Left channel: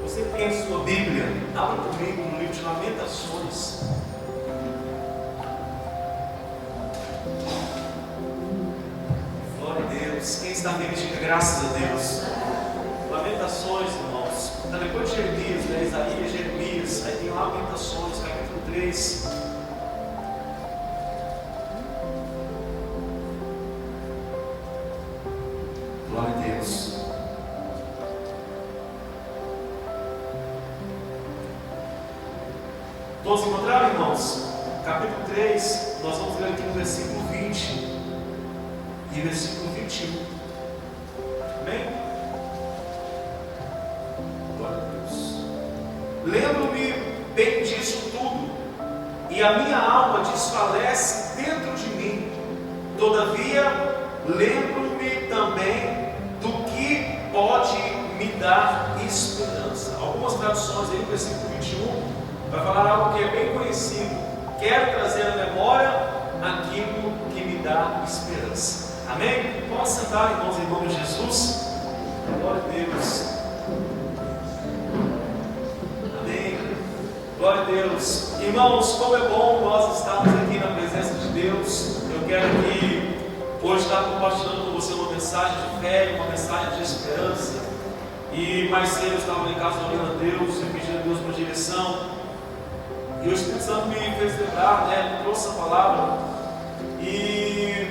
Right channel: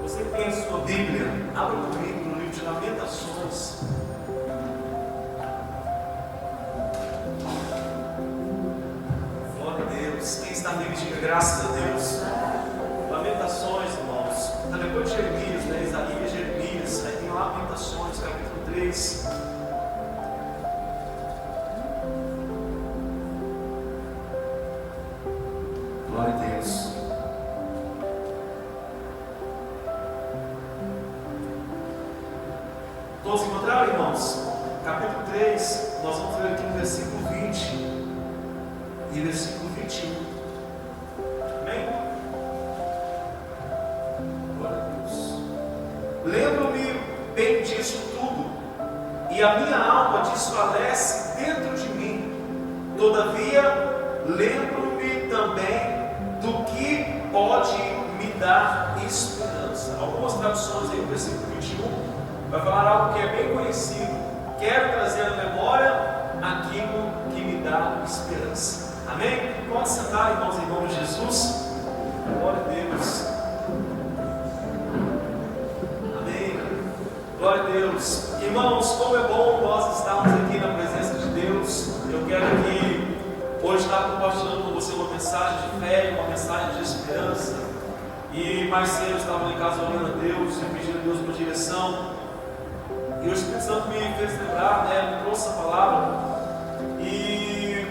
Você tem a sua Bíblia? Abra comigo no livro de Lamentações. Glória a Deus. Quem está me diga graças a Deus. Lamentações, irmãos. Está depois de Jeremias, né? Isaías, Jeremias. Aí tem Lamentações, capítulo 3. Glória a Deus. Todos encontraram, irmãos? Capítulo 3, nós vamos ler aqui no versículo 20 e versículo 21. Amém? Glória a Deus. Lembro-me bem disso tudo, e a minha alma desfalece dentro de mim. Todavia, lembro-me também do que pode me dar esperança. Algumas traduções aí, no versículo 21, vai falar algo que é bem conhecido. Quero trazer à memória aquilo que me dá esperança. Amém? Vamos sentar, irmãos, em nome de Jesus. Glória a Deus. Amém. Glória a Deus. Irmãos, como é bom nós estarmos aqui na presença de Deus. Eu quero que hoje estar compartilhando com você uma mensagem de fé, uma mensagem de esperança. E mais cedo eu estava em casa orando a Deus e pedindo a Deus uma direção. E o Espírito Santo me fez lembrar, me trouxe essa palavra. E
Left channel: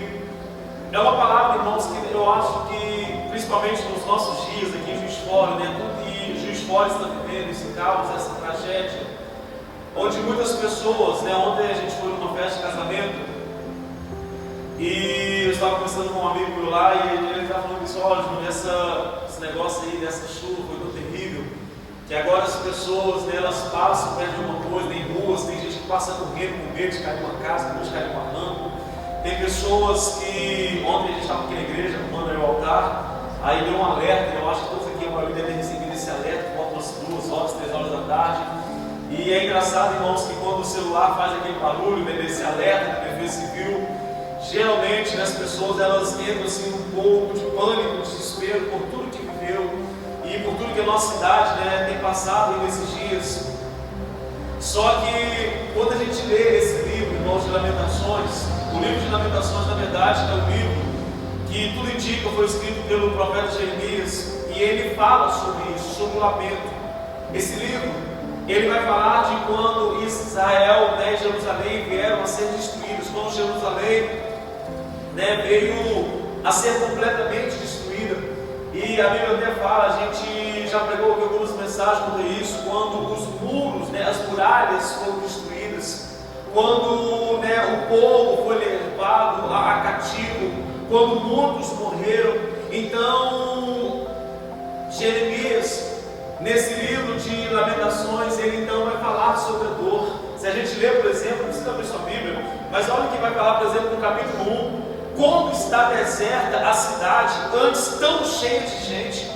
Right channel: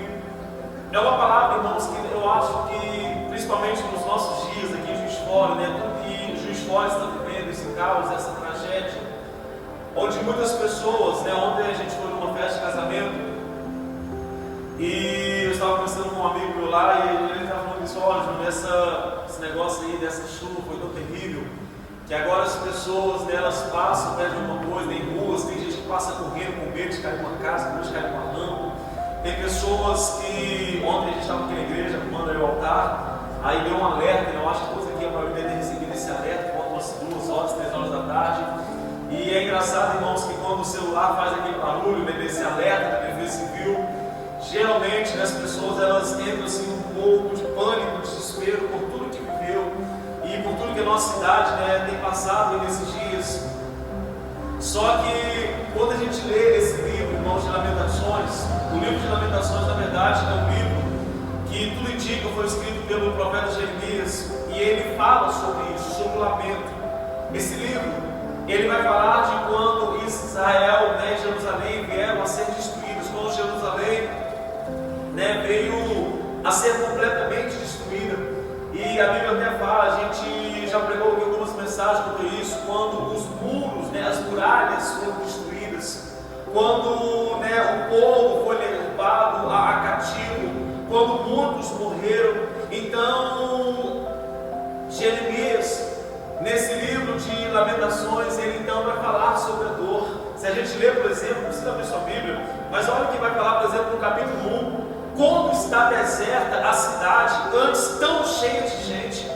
é uma palavra, irmãos, que eu acho que, principalmente nos nossos dias aqui em Juiz de Fora, tudo que Juiz de Fora está vivendo, esse caos, essa tragédia, onde muitas pessoas, ontem a gente foi numa festa de casamento, e eu estava conversando com um amigo meu lá, e ele estava falando isso, olha, esse negócio aí dessa chuva foi tão terrível, que agora as pessoas, elas passam perto de uma coisa, em ruas, tem gente que passa correndo com medo de cair numa casa, com medo de cair numa rampa. Tem pessoas que, ontem a gente estava aqui na igreja, arrumando aí o altar, aí deu um alerta, eu acho que todos aqui para ter recebido esse alerta, por umas 2 horas, 3 horas da tarde. E é engraçado, irmãos, que quando o celular faz aquele barulho, desse alerta da Defesa Civil, geralmente as pessoas elas entram assim um pouco de pânico, desespero por tudo que viveu e por tudo que a nossa cidade tem passado nesses dias. Só que quando a gente lê esse livro, irmãos, de Lamentações, o livro de Lamentações, na verdade, é um livro que tudo indica foi escrito pelo profeta Jeremias, e ele fala sobre isso, sobre o lamento. Esse livro, ele vai falar de quando Israel e Jerusalém vieram a ser destruídos, quando Jerusalém veio a ser completamente destruída. E a Bíblia até fala, a gente já pregou aqui algumas mensagens sobre isso, quando os muros, as muralhas foram destruídas, quando o povo foi levado a cativo, quando muitos morreram. Então, Jeremias, nesse livro de Lamentações, ele então vai falar sobre a dor. Se a gente ler, por exemplo, não precisa abrir sua Bíblia, mas olha o que vai falar, por exemplo, no capítulo 1. Como está deserta a cidade, antes tão cheia de gente,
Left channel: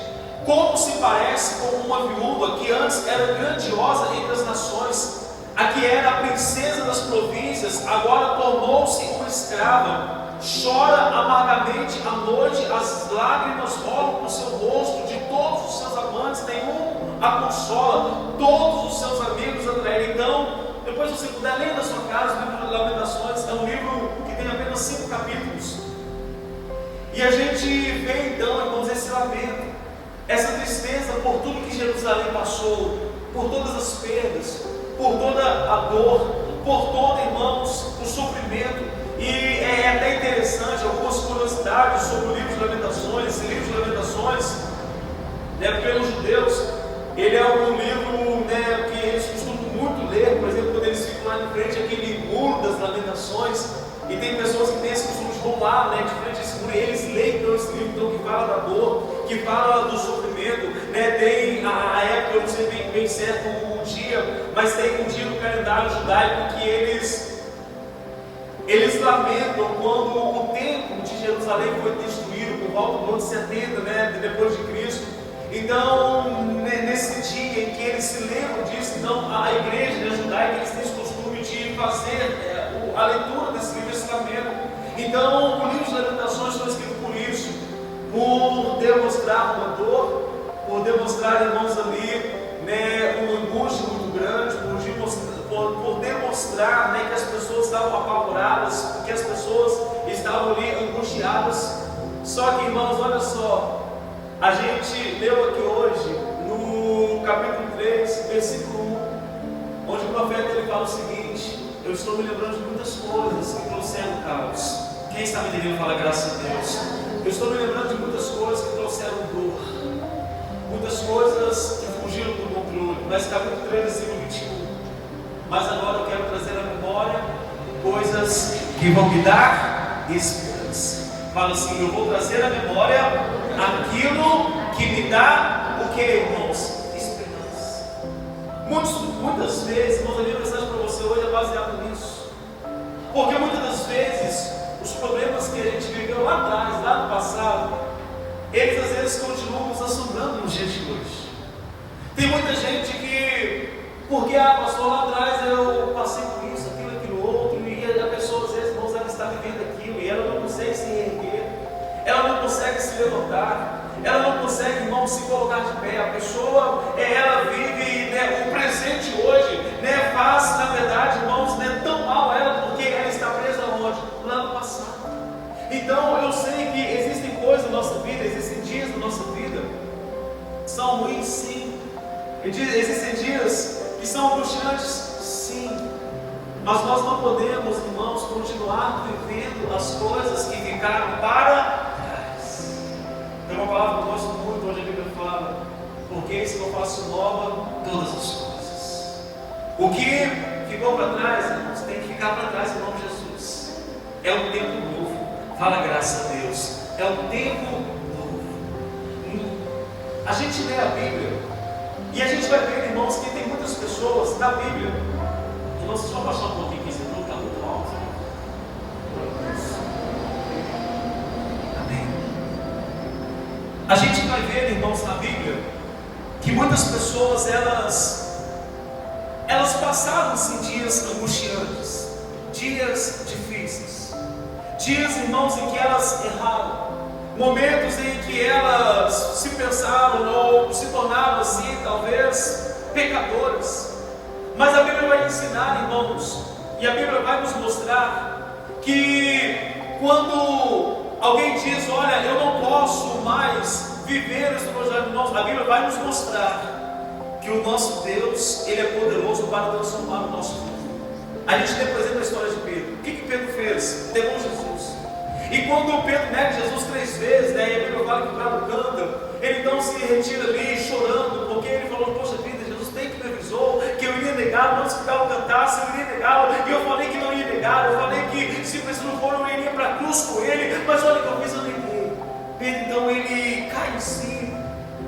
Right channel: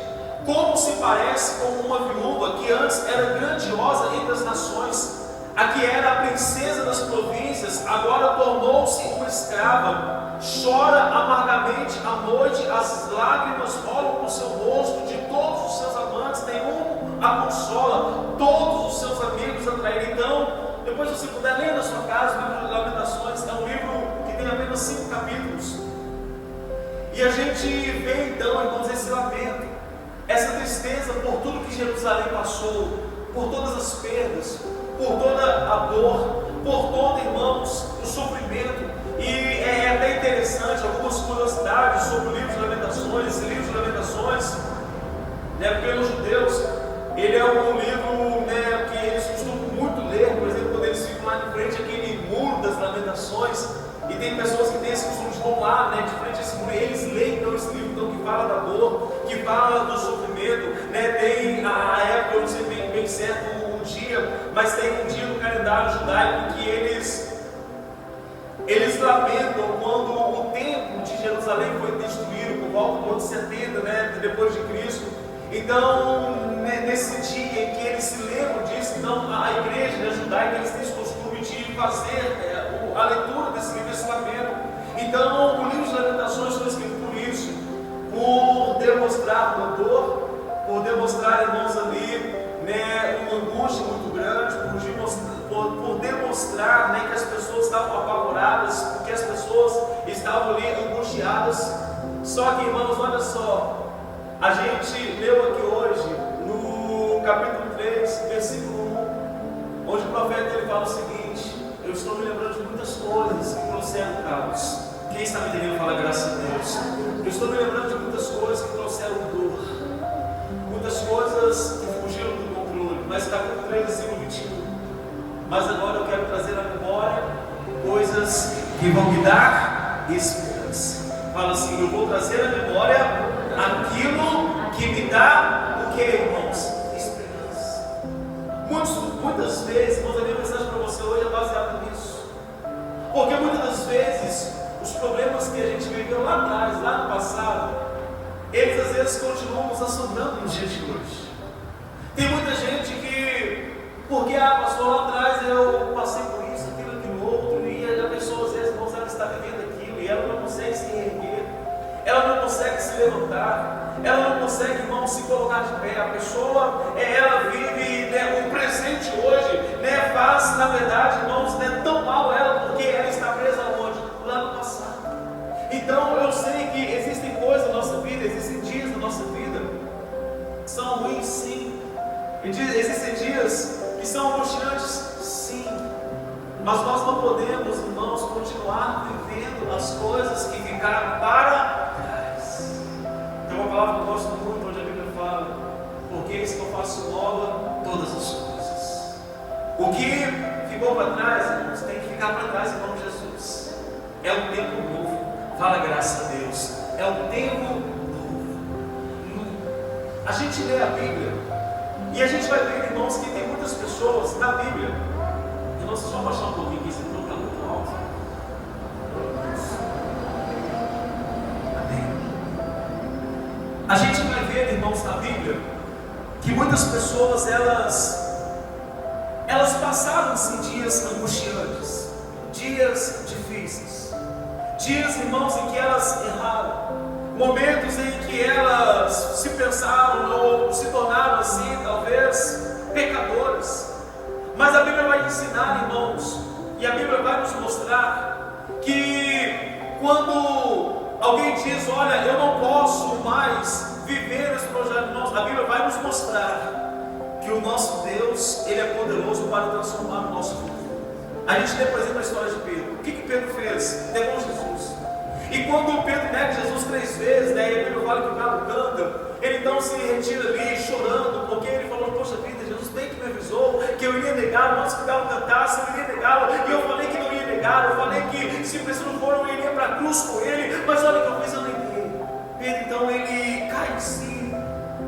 como se parece com uma viúva que antes era grandiosa entre as nações, a que era a princesa das províncias, agora tornou-se uma escrava, chora amargamente à noite, as lágrimas rolam por seu rosto, de todos os seus amantes, nenhum a consola, todos os seus amigos atraíram. Então, depois você puder ler na sua casa, o livro de Lamentações, é um livro que tem apenas 5 capítulos. E a gente vê então, irmãos, esse lamento, essa tristeza por tudo que Jerusalém passou, por todas as perdas, por toda a dor, por todo, irmãos, o sofrimento. E é até interessante algumas curiosidades sobre o livro de Lamentações. Esse livro de Lamentações, pelos judeus, ele é um livro que eles costumam muito ler. Por exemplo, quando eles ficam lá em frente àquele muro das Lamentações, e tem pessoas que têm esse costume de vão lá, de frente a esse muro, e eles leem então esse livro então, que fala da dor, que fala do sofrimento. Tem a época, eu não sei bem certo o dia, mas tem um dia no calendário judaico que eles lamentam quando o templo de Jerusalém foi destruído por volta do ano 70, depois de Cristo. Então, nesse dia em que eles se lembram disso, então a igreja judaica, eles têm esse costume de fazer a leitura desse livro, esse lamento. Então, o livro de Lamentações foi escrito por isso, por demonstrar uma dor, por demonstrar, irmãos, ali, por demonstrar, né, que as pessoas estavam apavoradas, que as pessoas estavam ali angustiadas. Só que, irmãos, olha só, a gente leu aqui hoje, no capítulo 3, versículo 1, onde o profeta ele fala o seguinte: eu estou me lembrando de muitas coisas que trouxeram caos. Quem está me entendendo fala graças a Deus. Eu estou me lembrando de muitas coisas que trouxeram dor, muitas coisas que fugiram do controle. Mas capítulo 3, versículo 21. Mas agora eu quero trazer à memória coisas que vão me dar esperança. Fala assim: eu vou trazer à memória aquilo que me dá o que, irmãos? Esperança. Muitas vezes, irmãos, a minha mensagem para você hoje é baseada nisso. Porque muitas das vezes, os problemas que a gente viveu lá atrás, lá no passado, eles às vezes continuam nos assombrando nos dias de hoje. Tem muita gente que, porque pastor, lá atrás eu passei por isso, aquilo outro, e a pessoa às vezes, irmãos, ela está vivendo aquilo, e ela não consegue se erguer, ela não consegue se levantar, ela não consegue, irmão, se colocar de pé. A pessoa, ela vive, né, o presente hoje, né, faz, na verdade, irmãos, né, tão mal a ela, porque ela está presa onde? Lá no passado. Então, eu sei que existem coisas na nossa vida, existem dias na nossa vida que são ruins, sim. Existem dias que são angustiantes, sim. Mas nós não podemos, irmãos, continuar vivendo as coisas que ficaram para trás. Tem uma palavra que eu gosto muito, onde a Bíblia fala: porque eis que eu faço nova todas as coisas. O que ficou para trás, irmãos, tem que ficar para trás em nome de Jesus. É um tempo novo. Fala graças a Deus. É um tempo novo. A gente lê a Bíblia e a gente vai ver, irmãos, que tem muitas pessoas na Bíblia. Irmãos, deixa eu abaixar um pouquinho aqui, esse não está muito alto. Amém. A gente vai ver, irmãos, na Bíblia, que muitas pessoas, elas passaram assim, dias angustiantes, dias difíceis, dias, irmãos, em que elas erraram, momentos em que elas se pensaram ou se tornaram assim, talvez, pecadoras. Mas a Bíblia vai ensinar, irmãos, e a Bíblia vai nos mostrar que quando alguém diz: olha, eu não posso mais viver esse projeto, irmãos, a Bíblia vai nos mostrar que o nosso Deus, Ele é poderoso para transformar o nosso mundo. A gente tem, por exemplo, a história de Pedro. O que Pedro fez? Negou Jesus. E quando Pedro nega Jesus 3 vezes, né, e a Bíblia fala que o galo canta, ele então se retira ali chorando, porque ele falou: poxa vida, Jesus bem que me avisou que eu iria negá-lo antes que o galo cantasse, eu iria negá-lo, e eu falei que não ia negá-lo, eu falei que se preciso for eu iria para a cruz com ele, mas olha o que eu fiz, eu neguei. Pedro então ele cai em si,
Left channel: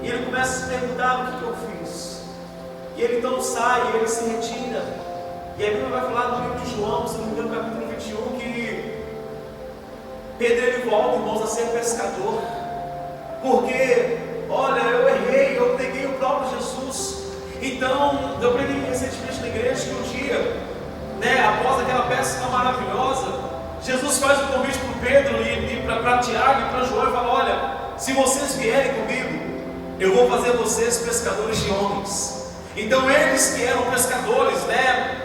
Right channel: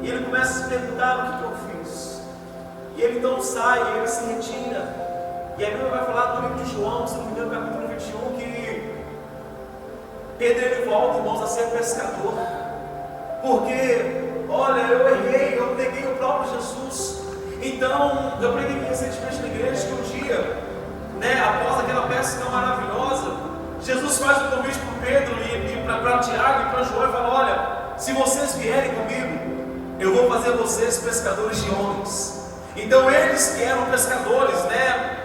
e ele começa a se perguntar: o que eu fiz? E ele então sai, ele se retira, e a Bíblia vai falar no livro de João, se não me engano, capítulo 21, que Pedro ele volta, irmãos, a ser pescador, porque, olha, eu errei, eu neguei o próprio Jesus. Então, eu aprendi recentemente na igreja que um dia, né, após aquela pesca maravilhosa, Jesus faz um convite para Pedro e para Tiago e para João e fala: olha, se vocês vierem comigo, eu vou fazer vocês pescadores de homens. Então, eles que eram pescadores, né,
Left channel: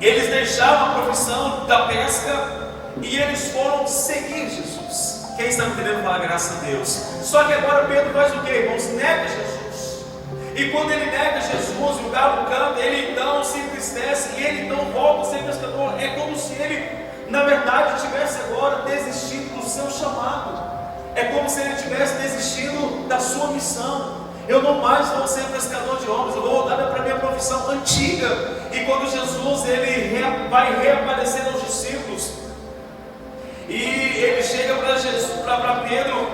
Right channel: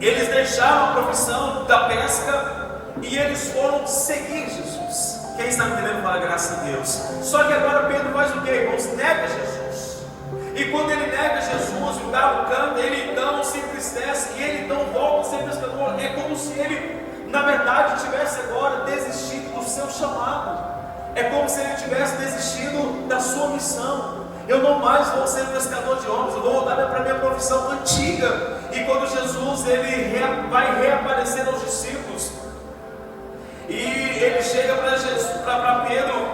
eles deixaram a profissão da pesca e eles foram seguir Jesus. Quem está me entendendo fala graças a Deus. Só que agora Pedro faz o que, irmãos? Nega Jesus. E quando ele nega Jesus, o galo canta, ele então se entristece e ele então volta a ser pescador. É como se ele, na verdade, tivesse agora desistido do seu chamado. É como se ele tivesse desistido da sua missão. Eu não mais vou ser pescador de homens, eu vou voltar para a minha profissão antiga. E quando Jesus ele vai reaparecer aos discípulos, e ele chega para Pedro,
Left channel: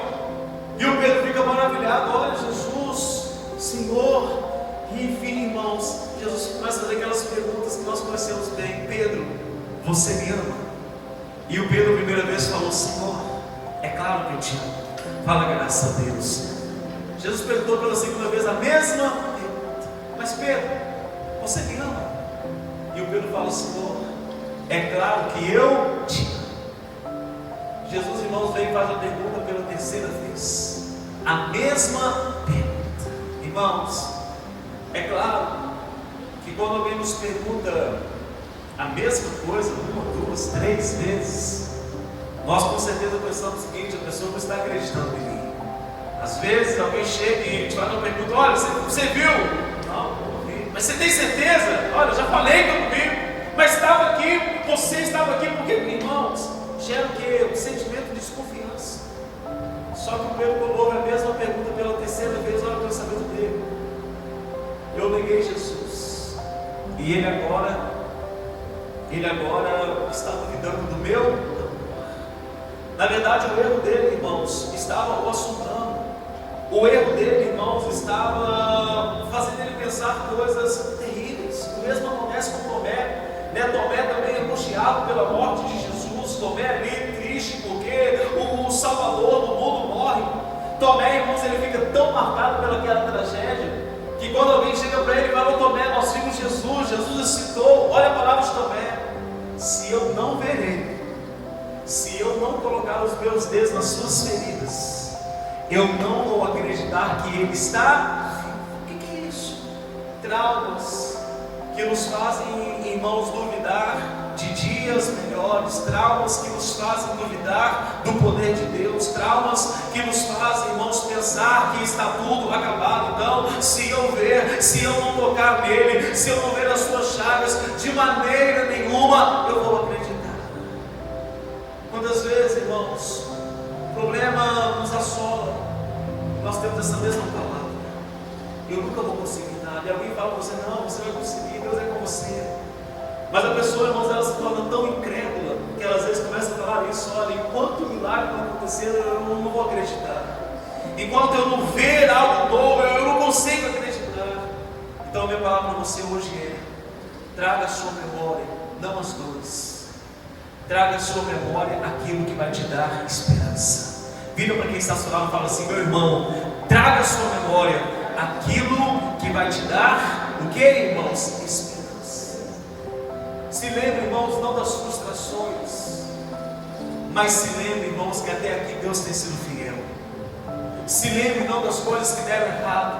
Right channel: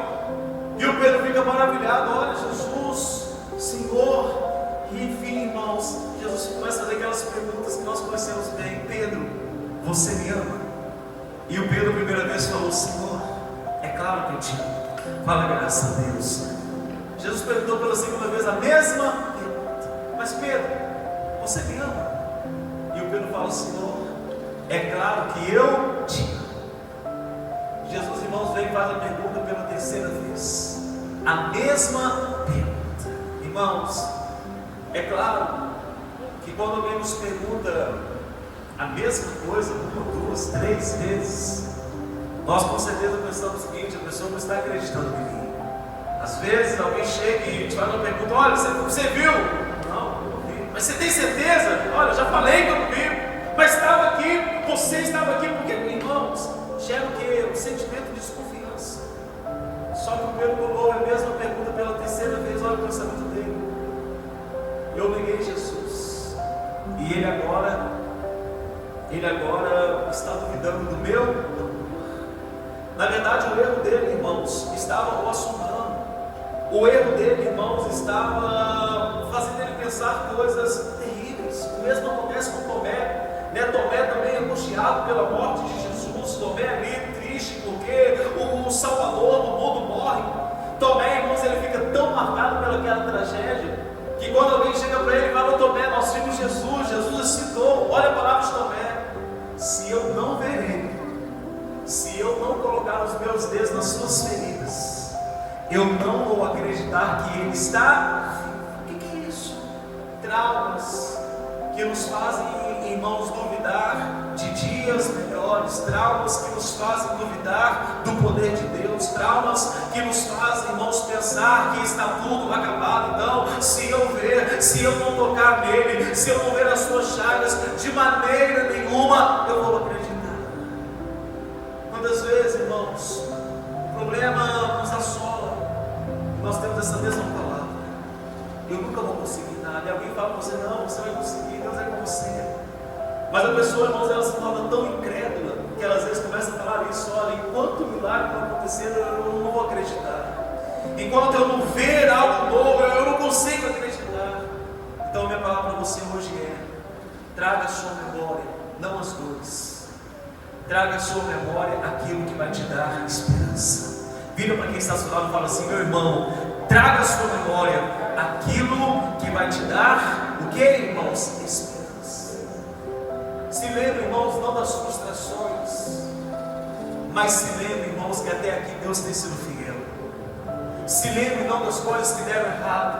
e o Pedro fica maravilhado: olha, Jesus, Senhor. E enfim, irmãos, Jesus começa a fazer aquelas perguntas que nós conhecemos bem: Pedro, você me ama? E o Pedro a primeira vez falou: Senhor, é claro que eu te amo. Fala graças a Deus. Jesus perguntou pela segunda vez a mesma pergunta: mas Pedro, você me ama? E o Pedro fala: Senhor, é claro que eu te amo. Jesus, irmãos, vem e faz a pergunta pela terceira vez, a mesma pergunta. Irmãos, é claro que quando alguém nos pergunta a mesma coisa, 1, 2, 3 vezes, nós com certeza pensamos o seguinte: a pessoa não está acreditando em mim. Às vezes alguém chega e te faz uma pergunta: olha, você viu? Não, eu não vi. Mas você tem certeza? Olha, eu já falei que eu não vi. Mas estava aqui, você estava aqui, porque, irmãos, gera o quê? Um sentimento de desconfiança. Só que o Pedro colocou a mesma pergunta pela terceira vez. Olha o pensamento dele: eu neguei Jesus, e ele agora está duvidando do meu amor. Na verdade, o erro dele, irmãos, estava o assombrando. O erro dele, irmãos, estava fazendo ele pensar coisas terríveis. O mesmo acontece com Tomé. Tomé também angustiado pela morte de Jesus. Tomé ali triste porque o Salvador do mundo morre. Tomé, irmãos, ele fica tão marcado pelaquela tragédia que quando alguém chega para ele e fala: Tomé, nós vimos Jesus, Jesus citou. Olha a palavra de Tomé: se eu não ver ele, se eu não colocar os meus dedos nas suas feridas, eu não vou acreditar que ele está vivo. O que é isso? Traumas que nos fazem, irmãos, duvidar de dias melhores, traumas que nos fazem duvidar do poder de Deus, traumas que nos fazem, irmãos, pensar que está tudo acabado. Então, se eu ver, se eu não tocar nele, se eu não ver as suas chagas, de maneira nenhuma eu vou acreditar. Quantas vezes, irmãos, o problema nos assola, nós temos essa mesma palavra: eu nunca vou conseguir nada. E alguém fala para você: não, você vai conseguir, Deus é com você. Mas a pessoa, irmãos, ela se torna tão incrédula que ela às vezes começa a falar isso: olha, enquanto o milagre não acontecer, eu não vou acreditar. Enquanto eu não ver algo novo, eu não consigo acreditar. Então a minha palavra para você hoje é: traga à sua memória não as dores, traga à sua memória aquilo que vai te dar esperança. Vira para quem está ao seu lado e fala assim: meu irmão, traga à sua memória aquilo que vai te dar o que, irmãos? Esperança. Se lembre, irmãos, não das frustrações, mas se lembre, irmãos, que até aqui Deus tem sido fiel. Se lembre não das coisas que deram errado,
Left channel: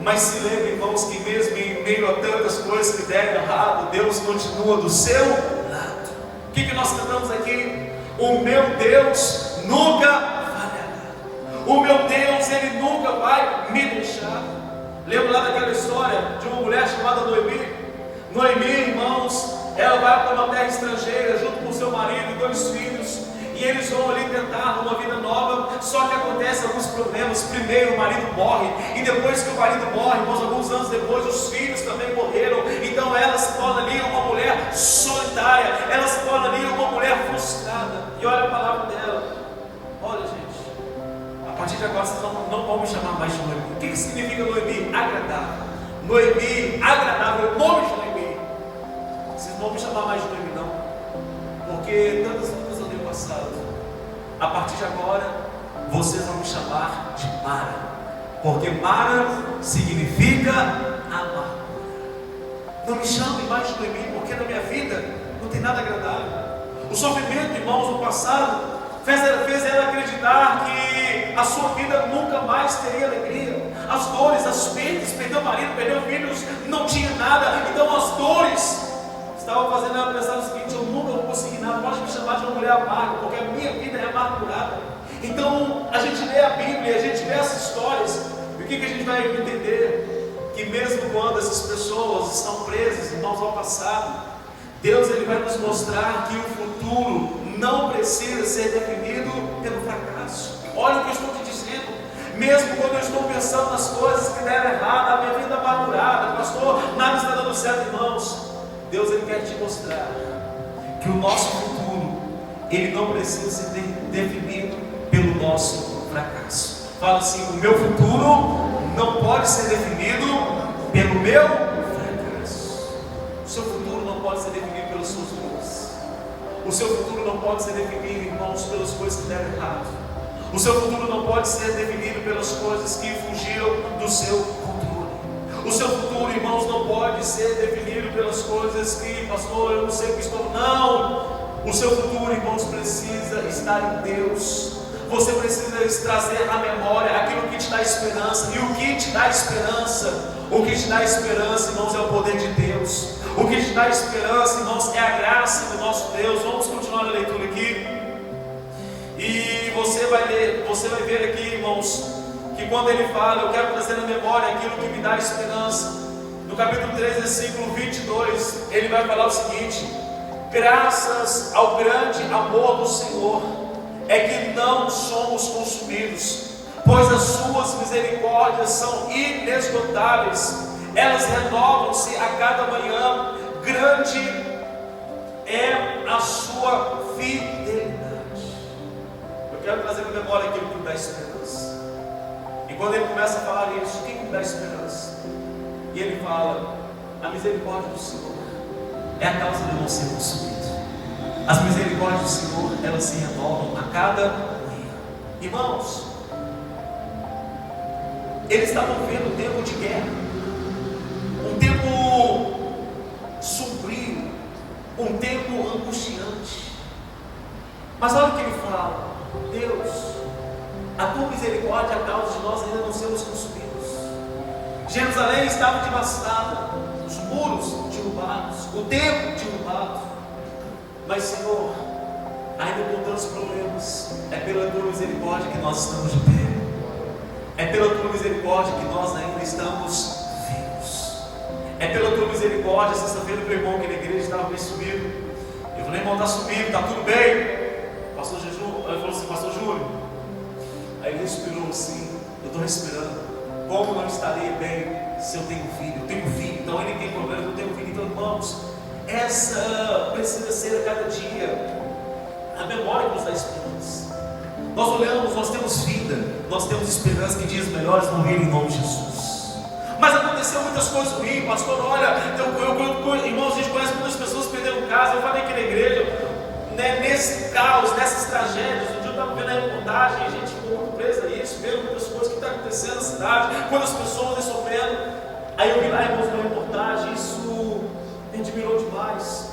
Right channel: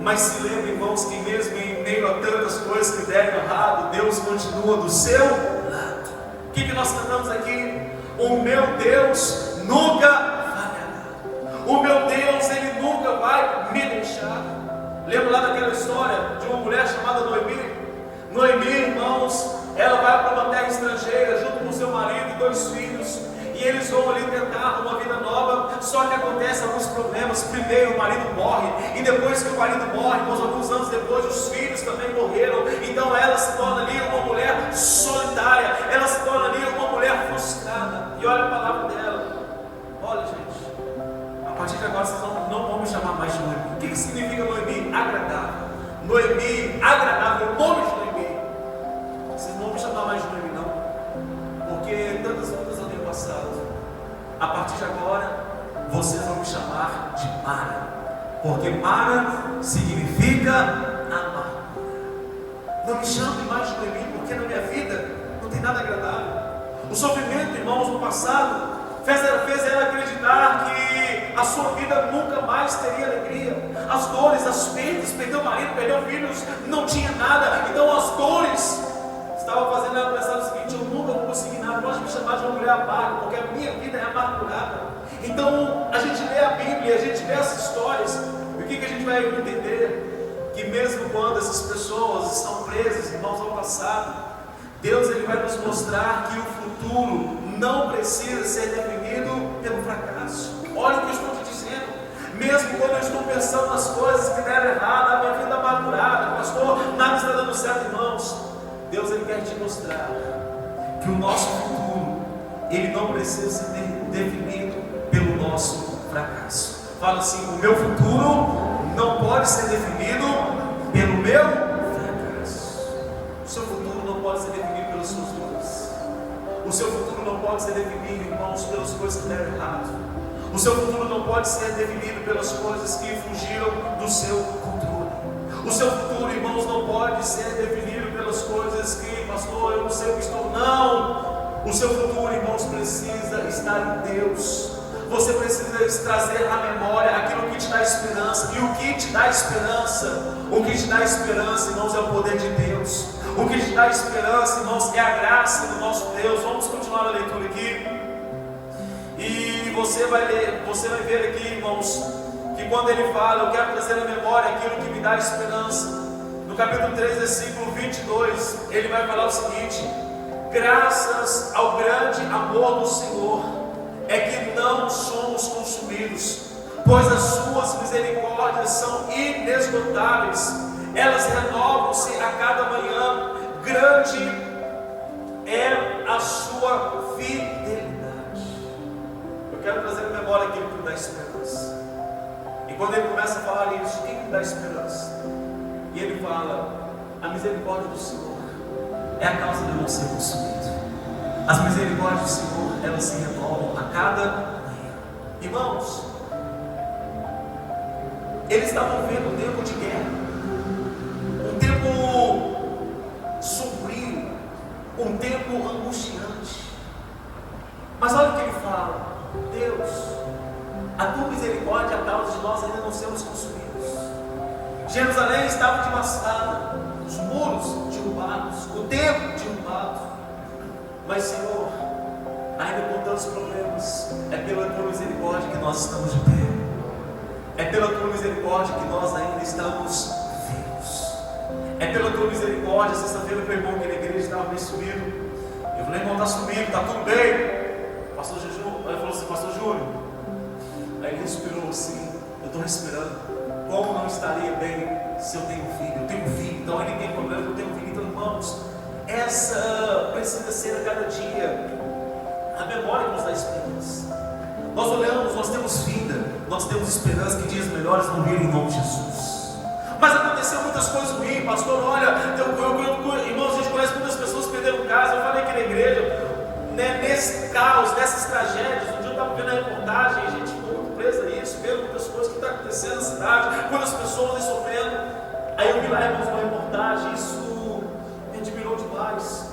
mas se lembre, irmãos, que mesmo em meio a tantas coisas que deram errado, Deus continua do seu lado. O que nós cantamos aqui? O meu Deus nunca falhará. O meu Deus, Ele nunca vai me deixar. Lembra lá daquela história de uma mulher chamada Noemi? Noemi, irmãos, ela vai para uma terra estrangeira junto com seu marido e 2 filhos, e eles vão ali tentar uma vida nova. Só que acontecem alguns problemas. Primeiro o marido morre, e depois que o marido morre, irmãos, alguns anos depois os filhos também morreram. Então ela se torna ali uma mulher solitária, ela se torna ali uma mulher frustrada. E olha a palavra dela: olha, gente, a partir de agora vocês não vão me chamar mais de Noemi. O que significa Noemi? Agradável. Noemi, agradável, o nome de Noemi. Vocês não vão me chamar mais de Noemi, não, porque tantas lutas eu tenho passado. A partir de agora, vocês vão me chamar de Mara, porque Mara significa amargura. Não me chamem mais de Noemi, porque na minha vida não tem nada agradável. O sofrimento, irmãos, no passado fez ela acreditar que a sua vida nunca mais teria alegria. As dores, as perdas, perdeu o marido, perdeu filhos, não tinha nada. Então as dores estavam fazendo ela pensar o seguinte: eu nunca vou conseguir nada, pode me chamar de uma mulher amarga, porque a minha vida é amargurada. Então a gente lê a Bíblia, a gente vê essas histórias, e o que a gente vai entender? Que mesmo quando essas pessoas estão presas, irmãos, ao passado, Deus, Ele vai nos mostrar que o futuro não precisa ser definido pelo fracasso. Olha o que eu estou te dizendo. Mesmo quando eu estou pensando nas coisas que deram errado, a minha vida amargurada, pastor, nada está dando certo, irmãos, Deus, Ele quer te mostrar que o nosso futuro, ele não precisa ser definido pelo nosso fracasso. Fala assim: o meu futuro não pode ser definido pelo meu fracasso. O seu futuro não pode ser definido pelas suas dores. O seu futuro não pode ser definido, irmãos, pelas coisas que deram errado. O seu futuro não pode ser definido pelas coisas que fugiram do seu futuro. O seu futuro, irmãos, não pode ser definido pelas coisas que, pastor, eu não sei o que estou. Não! O seu futuro, irmãos, precisa estar em Deus. Você precisa trazer à memória aquilo que te dá esperança. E o que te dá esperança? O que te dá esperança, irmãos, é o poder de Deus. O que te dá esperança, irmãos, é a graça do nosso Deus. Vamos continuar a leitura aqui. E você vai ver aqui, irmãos, que quando ele fala, eu quero trazer à memória aquilo que me dá esperança. No capítulo 3, versículo 22, ele vai falar o seguinte: graças ao grande amor do Senhor, é que não somos consumidos, pois as suas misericórdias são inesgotáveis, elas renovam-se a cada manhã, grande é a sua fidelidade. Eu quero trazer à memória aquilo que me dá esperança. E quando ele começa a falar isso, o que me dá esperança? E ele fala: a misericórdia do Senhor é a causa de não ser consumido. As misericórdias do Senhor, elas se renovam a cada manhã. Irmãos, eles estavam vendo um tempo de guerra, um tempo sombrio, um tempo angustiante. Mas olha o que ele fala: Deus, a tua misericórdia é a causa de nós ainda não sermos consumidos. Jerusalém estava devastada, os muros derrubados, o templo derrubado. Mas, Senhor, ainda com tantos problemas, é pela tua misericórdia que nós estamos de pé. É pela tua misericórdia que nós ainda estamos vivos. É pela tua misericórdia. Sexta-feira o irmão que na igreja estava meio sumido. Eu falei: irmão, está sumido, está tudo bem. Pastor Jejum, ele falou assim: pastor Júlio. Aí ele respirou assim: eu estou respirando. Como não estaria bem se eu tenho filho? Eu tenho filho, então ele tem problema, eu tenho filho. Então, irmãos, essa precisa ser a cada dia a memória que nos dá esperança. Nós olhamos, nós temos vida, nós temos esperança que dias melhores vão vir em nome de Jesus. Mas aconteceu muitas coisas ruins, pastor. Olha, irmãos, a gente conhece muitas pessoas que perderam casa. Eu falei aqui na igreja, né, nesse caos, nessas tragédias. Um dia eu estava vendo a reportagem, a gente ficou muito preso a isso, vendo muitas coisas que estão acontecendo na cidade, quantas pessoas estão sofrendo. Aí eu vi lá, irmãos, uma reportagem, isso me admirou demais,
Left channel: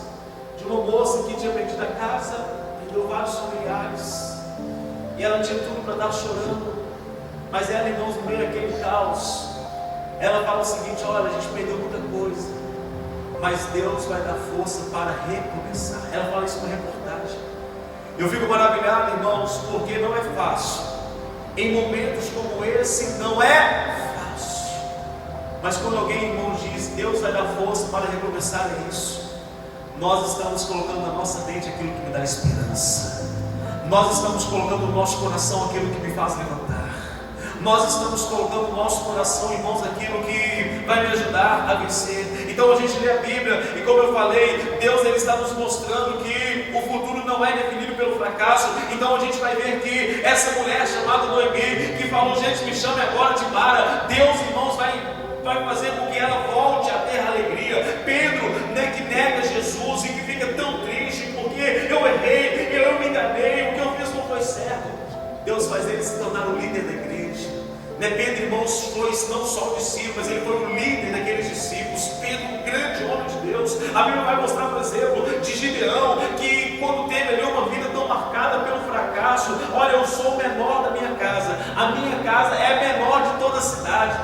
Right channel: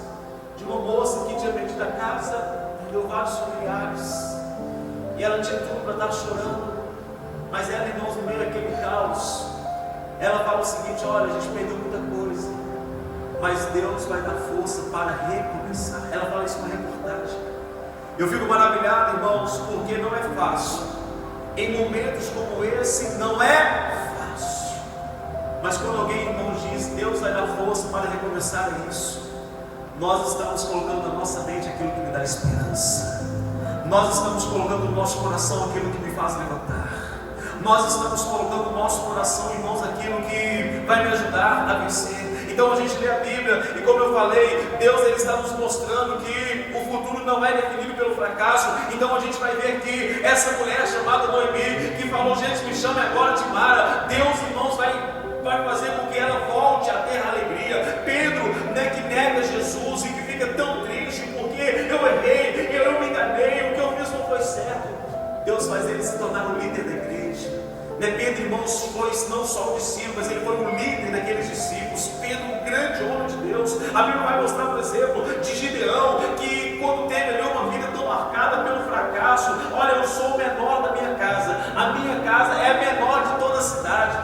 de uma moça que tinha perdido a casa, perdeu vários familiares, e ela tinha tudo para estar chorando, mas ela, irmãos, no meio daquele caos, ela fala o seguinte: olha, a gente perdeu muita coisa, mas Deus vai dar força para recomeçar. Ela fala isso numa reportagem. Eu fico maravilhado, irmãos, porque não é fácil. Em momentos como esse, não é fácil. Mas quando alguém, irmãos, diz: Deus vai dar força para recomeçar isso, nós estamos colocando na nossa mente aquilo que me dá esperança. Nós estamos colocando no nosso coração aquilo que me faz levantar. Nós estamos colocando no nosso coração, irmãos, aquilo que vai me ajudar a vencer. Então a gente lê a Bíblia e, como eu falei, Deus ele está nos mostrando que o futuro não é definido pelo fracasso. Então a gente vai ver que essa mulher chamada Noemi, que falou: gente, me chame agora de Mara, Deus, irmãos, vai fazer com que ela volte a ter alegria. Pedro, né, que nega Jesus e que fica tão triste porque eu errei, eu me enganei, o que eu fiz não foi certo. Deus faz ele se tornar o líder da igreja. Pedro, irmãos, foi não só um discípulo, mas ele foi o líder daqueles discípulos. Pedro, um grande homem de Deus. A Bíblia vai mostrar, por exemplo, de Gideão, que quando teve ali uma vida tão marcada pelo fracasso: olha, eu sou o menor da minha casa, a minha casa é a menor de toda a cidade.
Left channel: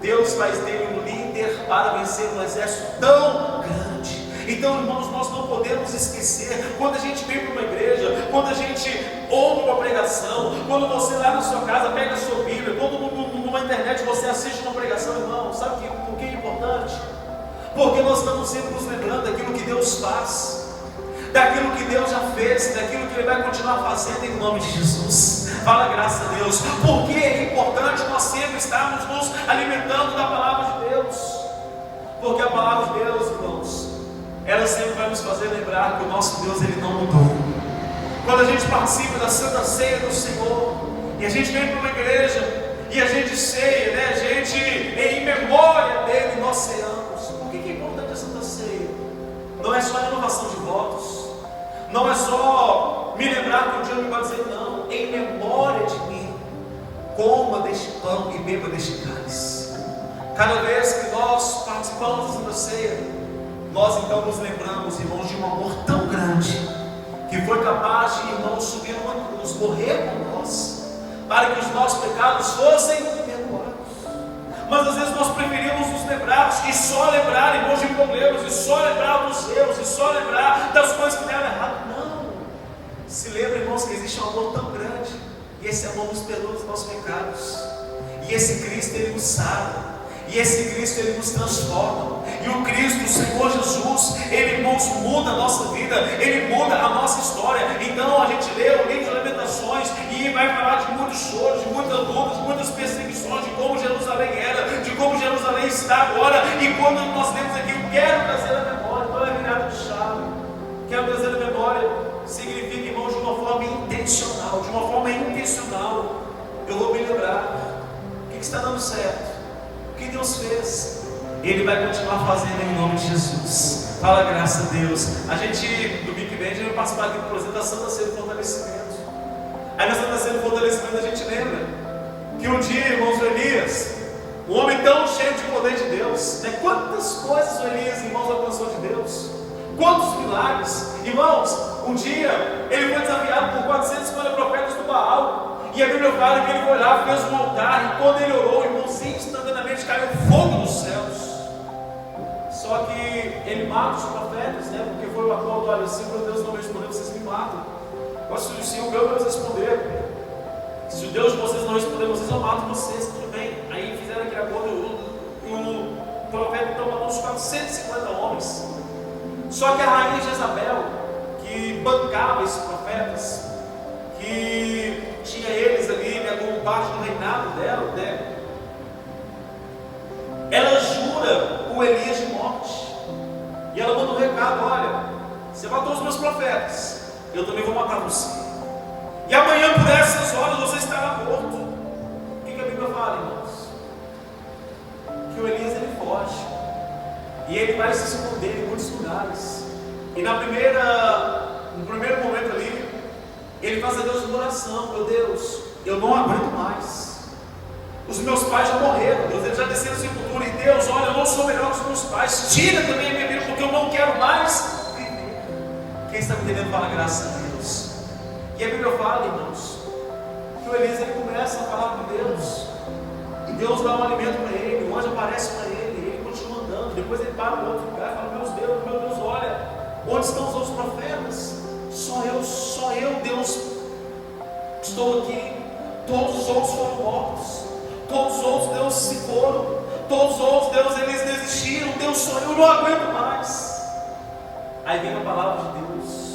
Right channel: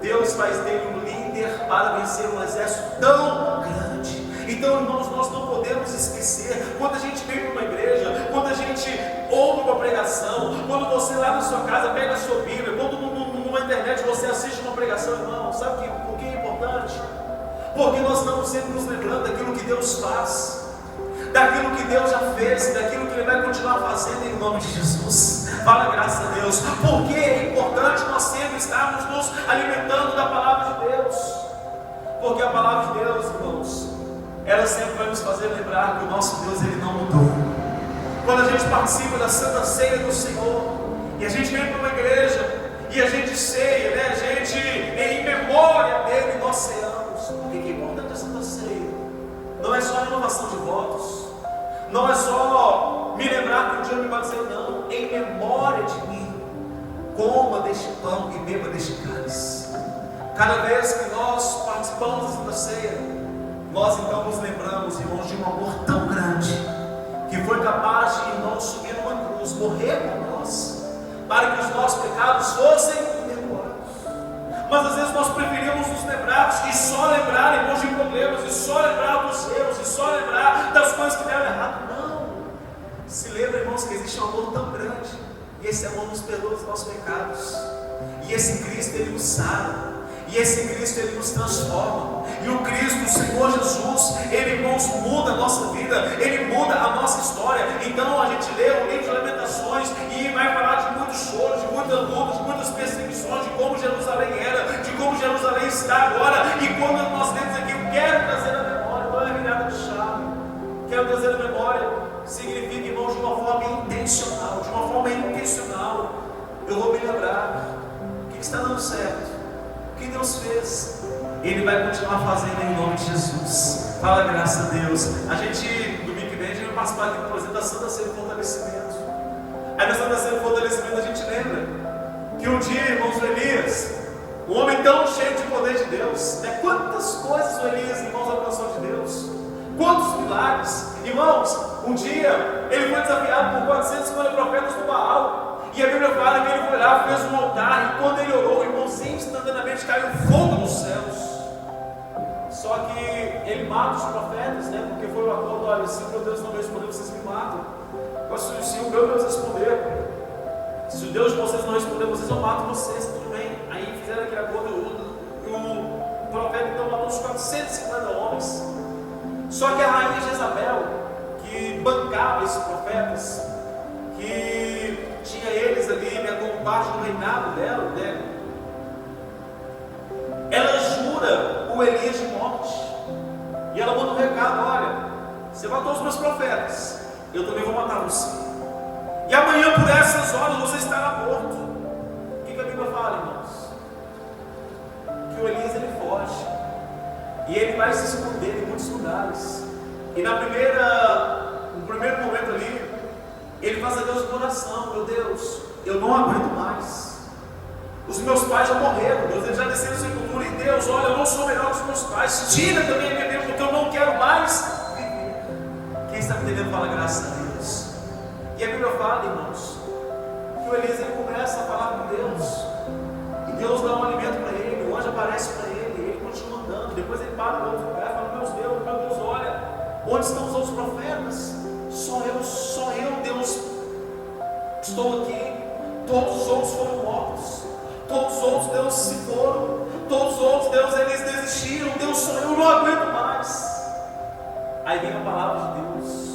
Deus faz dele um líder para vencer um exército tão grande. Então, irmãos, nós não podemos esquecer, quando a gente vem para uma igreja, quando a gente ouve uma pregação, quando você lá na sua casa pega a sua Bíblia, quando numa internet você assiste uma pregação, irmão, sabe por que é importante? Porque nós estamos sempre nos lembrando daquilo que Deus faz, daquilo que Deus já fez, daquilo que Ele vai continuar fazendo em nome de Jesus. Fala, graças a Deus. Porque é importante nós sempre estarmos nos alimentando da palavra de Deus. Porque a palavra de Deus, irmãos, ela sempre vai nos fazer lembrar que o nosso Deus, Ele não mudou. Quando a gente participa da Santa Ceia do Senhor, e a gente vem para uma igreja, e a gente ceia, né? A gente, em memória dele, nós ceamos. Por que é importante a Santa Ceia? Não é só a renovação de votos, não é só me lembrar que um dia eu me batizei, não. Em memória de mim, coma deste pão e beba deste cálice. Cada vez que nós participamos da Santa Ceia, nós então nos lembramos, irmãos, de um amor tão grande, que foi capaz de, irmãos, subir uma cruz, morrer por nós, para que os nossos pecados fossem perdoados. Mas às vezes nós preferimos nos frustrados, e só lembrar, irmãos, de problemas, e só lembrar dos erros, e só lembrar das coisas que deram errado. Não. Se lembra, irmãos, que existe um amor tão grande, e esse amor nos perdoa os nossos pecados, e esse Cristo, Ele nos sara, e esse Cristo, Ele nos transforma. E o Cristo, o Senhor Jesus, Ele, irmãos, muda a nossa vida, Ele muda a nossa história. Então a gente lê o livro de Lamentações e vai falar de muitos choros, de muitas lutas, de muitas perseguições, de como Jerusalém era, de como Jerusalém está agora. E quando nós lemos aqui, eu quero trazer a memória, não é virada de chave, quero trazer a memória, significa, irmãos, de uma forma intencional, eu vou me lembrar o que está dando certo, o que Deus fez. Ele vai continuar fazendo em nome de Jesus. Fala, graças a Deus. A gente, domingo que vem, a gente vai participar aqui da apresentação da Ceia do Fortalecimento. Aí nessa da Ceia do Fortalecimento a gente lembra que um dia, irmãos, o Elias, um homem tão cheio de poder de Deus, né? Quantas coisas o Elias, irmãos, alcançou de Deus, quantos milagres. Irmãos, um dia ele foi desafiado por 450 profetas do Baal. E a Bíblia fala que ele foi lá, fez um altar, e quando ele orou, irmãos, instantaneamente caiu fogo dos céus. Só que ele mata os profetas, né? Porque foi o acordo: olha, se o meu Deus não responder, vocês me matam. Se o meu Deus responder, se o Deus de vocês não responder, vocês eu mato vocês, tudo bem. Aí fizeram aquele acordo, e o profeta então matou os 450 homens. Só que a rainha Jezabel, que bancava esses profetas, que tinha eles ali, né, como parte do reinado dela, né? Ela jura o Elias de morte. E ela manda um recado: olha, você matou os meus profetas, eu também vou matar você. E amanhã por essas horas você estará morto. O que a Bíblia fala, irmãos? Que o Elias, ele foge. E ele vai se esconder em muitos lugares. E no primeiro momento ali, ele faz a Deus uma oração: meu Deus, eu não aguento mais. Os meus pais já morreram, Deus, eles já desceram no sepultura. E Deus, olha, eu não sou melhor que os meus pais. Tira também a minha vida, porque eu não quero mais viver. Quem está me entendendo, fala graças a Deus. E a Bíblia fala, irmãos, que o Elias, ele começa a falar com Deus. E Deus dá um alimento para ele, o anjo aparece para ele, e ele continua andando. Depois ele para em outro lugar e fala: meu Deus, olha, onde estão os outros profetas? Sou eu, Deus, estou aqui. Todos os outros foram mortos. Todos os outros, Deus, se foram. Todos os outros, Deus, eles desistiram. Deus, sou eu, não aguento mais. Aí vem a palavra de Deus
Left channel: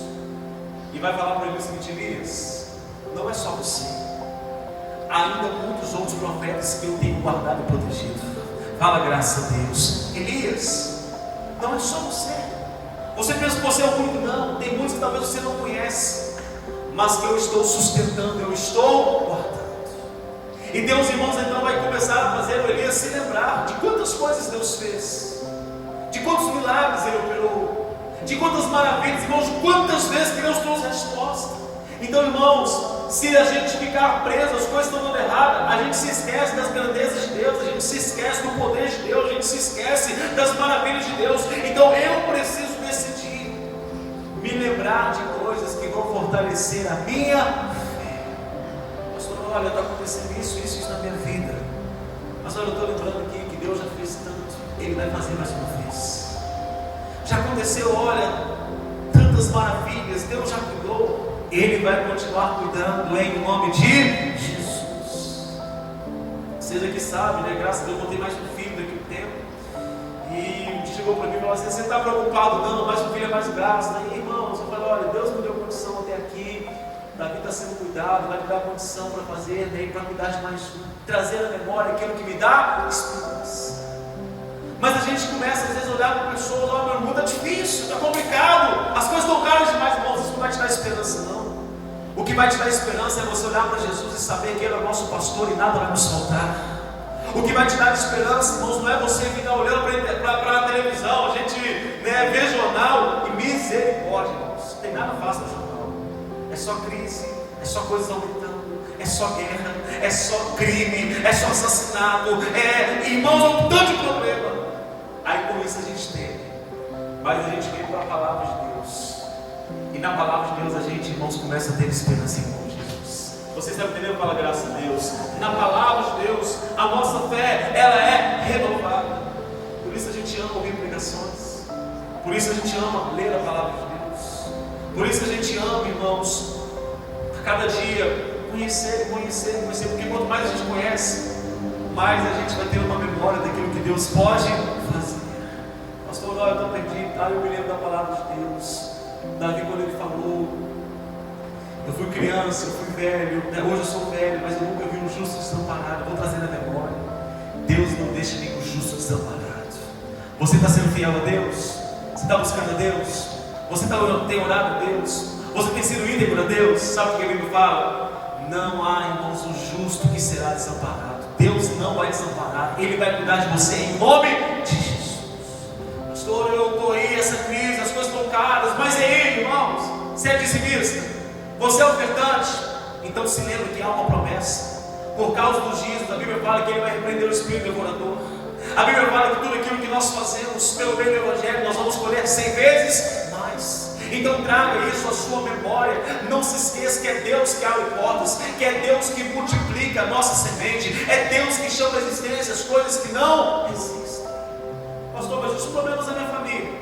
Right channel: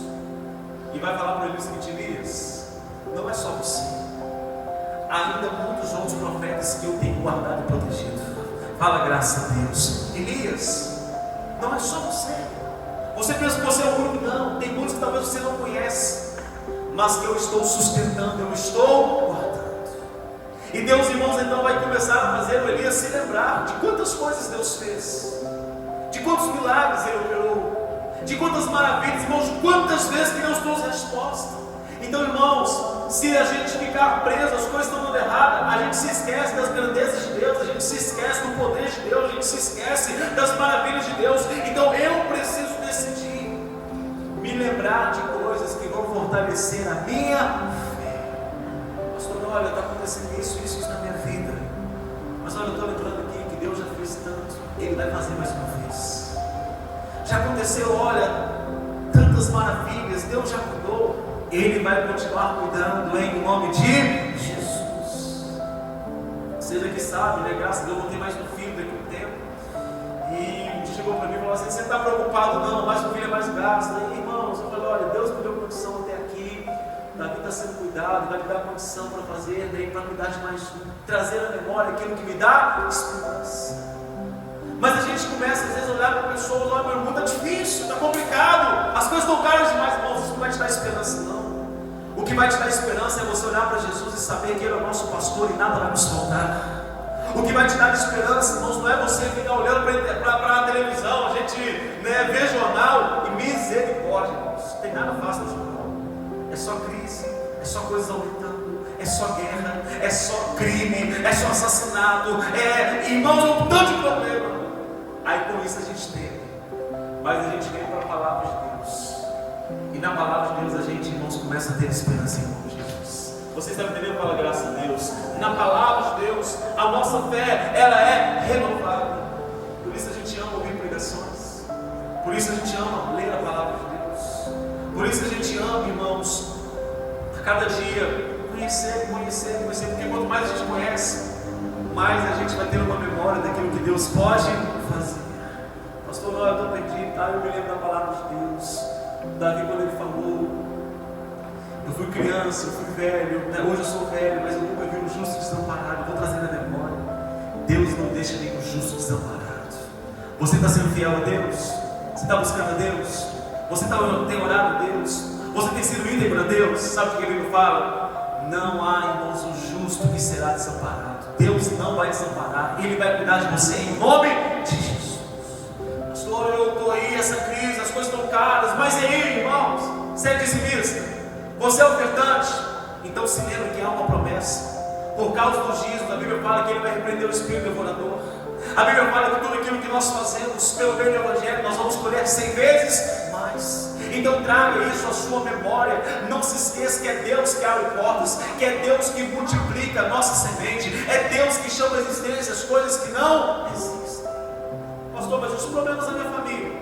e vai falar para ele o seguinte: Elias, não é só você, ainda muitos outros profetas que eu tenho guardado e protegido. Fala, graças a Deus. Elias, não é só você. Você pensa que você é o único? Não, tem muitos que talvez você não conhece, mas que eu estou sustentando, eu estou guardando. E Deus, irmãos, então vai começar a fazer o Elias se lembrar de quantas coisas Deus fez, de quantos milagres Ele operou, de quantas maravilhas, irmãos, de quantas vezes que Deus trouxe resposta. Então, irmãos, se a gente ficar preso, as coisas estão dando errado, a gente se esquece das grandezas de Deus, a gente se esquece do poder de Deus, a gente se esquece das maravilhas de Deus. Então eu preciso decidir me lembrar de coisas que vão fortalecer a minha fé. Pastor, olha, está acontecendo isso na minha vida, mas olha, eu estou lembrando aqui que Deus já fez tanto, Ele vai fazer mais uma vez. Já aconteceu, olha, tantas maravilhas, Deus já cuidou, Ele vai continuar cuidando em nome de Jesus. Seja que sabe, né? Graças a Deus, eu vou ter mais um filho daqui a um tempo. E chegou para mim e falou assim: você está preocupado? Não, mais um filho é mais graça. Daí, irmãos, eu falei: olha, Deus me deu condição até aqui, para mim está sendo cuidado, vai me dar condição para fazer, daí para cuidar de mais um, trazer à memória aquilo que me dá esperança. Mas a gente começa às vezes a olhar para pessoas: olha, meu irmão, está difícil, está complicado, as coisas estão caras demais. Irmãos, isso não vai te dar esperança, não. O que vai te dar esperança é você olhar para Jesus e saber que Ele é o nosso pastor e nada vai nos faltar. O que vai te dar esperança, irmãos, não é você ficar olhando para a televisão, a gente, né, vê jornal e misericórdia, irmãos. Não tem nada fácil no jornal. É só crise, é só coisas aumentando, é só guerra, é só crime, é só assassinato, irmãos, um tanto de problema. Aí com isso a gente teme, mas a gente vem para a palavra de Deus. E na palavra de Deus a gente, irmãos, começa a ter esperança em nome de Jesus. Você está entendendo? Fala, graças a Deus. Na palavra de Deus, a nossa fé, ela é renovada. Por isso a gente ama ouvir pregações. Por isso a gente ama ler a palavra de Deus. Por isso a gente ama, irmãos, a cada dia conhecer. Porque quanto mais a gente conhece, mais a gente vai ter uma memória daquilo que Deus pode fazer. Pastor, eu estou perdido. Eu me lembro da palavra de Deus. Davi, quando ele falou, eu fui criança, eu fui velho, hoje eu sou velho, mas eu nunca vi um justo desamparado. Vou trazer na memória. Deus não deixa nenhum justo desamparado. Você está sendo fiel a Deus? Você está buscando a Deus? Você tem orado a Deus? Você tem sido íntegro a Deus? Sabe o que a Bíblia fala? Não há, irmãos, um justo que será desamparado. Deus não vai desamparar. Ele vai cuidar de você em nome de Jesus. Pastor, eu estou aí, essa crise, as coisas estão caras. Mas e aí, irmãos? Você é dizimista? Você é ofertante? Então se lembre que há uma promessa. Por causa dos dízimos, a Bíblia fala que Ele vai repreender o espírito devorador. A Bíblia fala que tudo aquilo que nós fazemos pelo bem do Evangelho, nós vamos colher 100 vezes mais. Então traga isso à sua memória. Não se esqueça que é Deus que abre portas, que é Deus que multiplica a nossa semente, é Deus que chama a existência as coisas que não existem. Pastor, mas os problemas da minha família,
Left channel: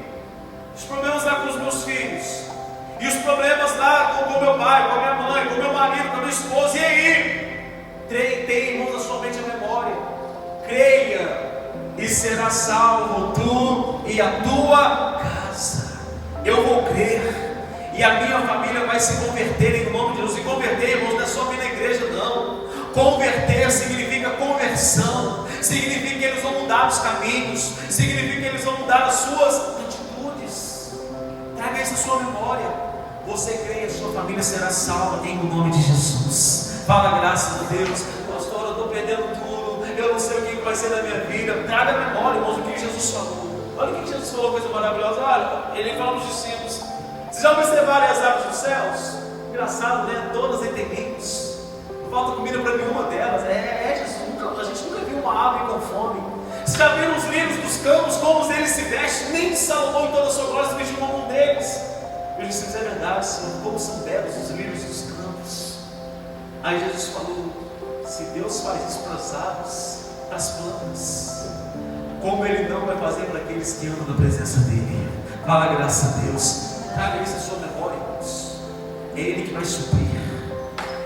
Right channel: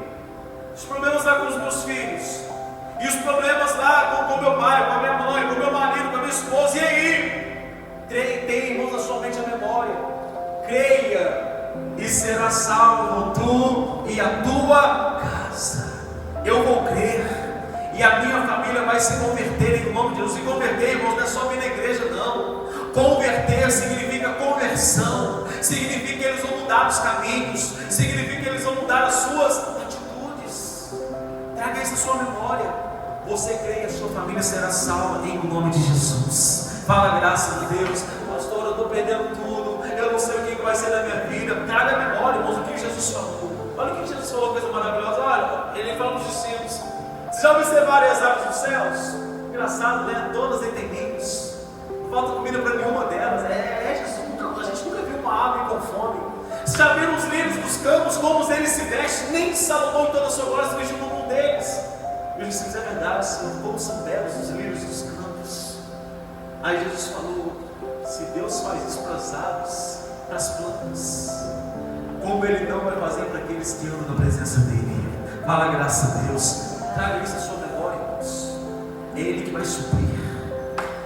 os problemas lá com os meus filhos, e os problemas lá com meu pai, com a minha mãe, com meu marido, com a minha esposa, e aí? Tenha, irmãos, na sua mente a memória. Creia e será salvo tu e a tua casa. Eu vou crer e a minha família vai se converter em nome de Deus. E converter, irmãos, não é só vir na igreja, não. Converter significa conversão, significa que eles vão mudar os caminhos, significa que eles vão mudar as suas atitudes. Traga isso à sua memória. Você crê e a sua família será salva em nome de Jesus. Fala, graças a Deus. Pastor, eu estou perdendo tudo, eu não sei o que vai ser da minha vida. Traga a memória, irmãos, o que Jesus falou. Olha o que Jesus falou, coisa maravilhosa. Olha, ele falou aos discípulos: vocês já observaram as aves dos céus? Engraçado, né? Todas em terríveis. Não falta comida para nenhuma delas. Jesus, a gente nunca viu uma ave com fome. Vocês já viram os lírios dos campos, como eles se vestem? Nem Salomão em toda a sua glória se vestiu como um deles. Ele disse: é verdade, Senhor, como são belos os lírios dos campos. Aí Jesus falou: se Deus faz isso para as aves, para as plantas, como Ele não vai fazer para aqueles que andam na presença dEle? Fala, graças a Deus. Traga isso à sua memória, irmãos. É Ele que vai suprir,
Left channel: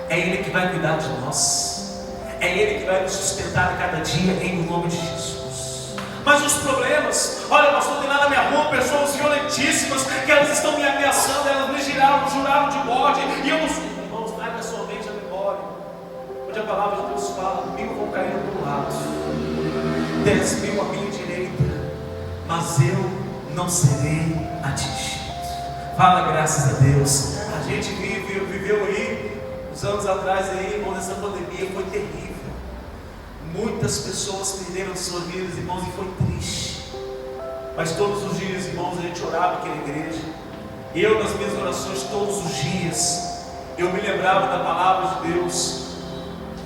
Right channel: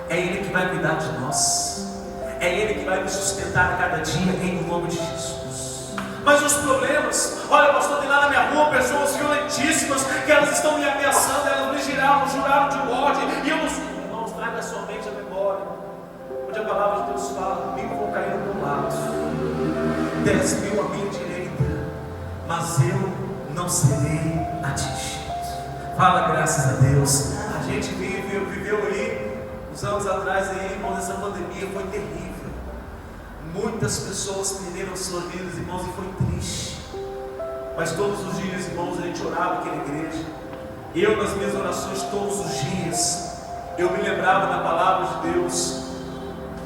é Ele que vai cuidar de nós, é Ele que vai nos sustentar a cada dia em nome de Jesus. Mas os problemas, olha, pastor, tem lá na minha rua pessoas violentíssimas, que elas estão me ameaçando, elas me juraram de morte, e eu não sei. Irmãos, traga somente a memória, onde a palavra de Deus fala: 1000 vão cair ao teu lado, 10.000 à minha direita, mas eu não serei atingido. Fala, graças a Deus. A gente viveu aí, uns anos atrás aí, irmãos, essa pandemia foi terrível. Muitas pessoas perderam suas vidas, irmãos, e foi triste. Mas todos os dias, irmãos, a gente orava aqui na igreja. Eu, nas minhas orações, todos os dias, eu me lembrava da palavra de Deus,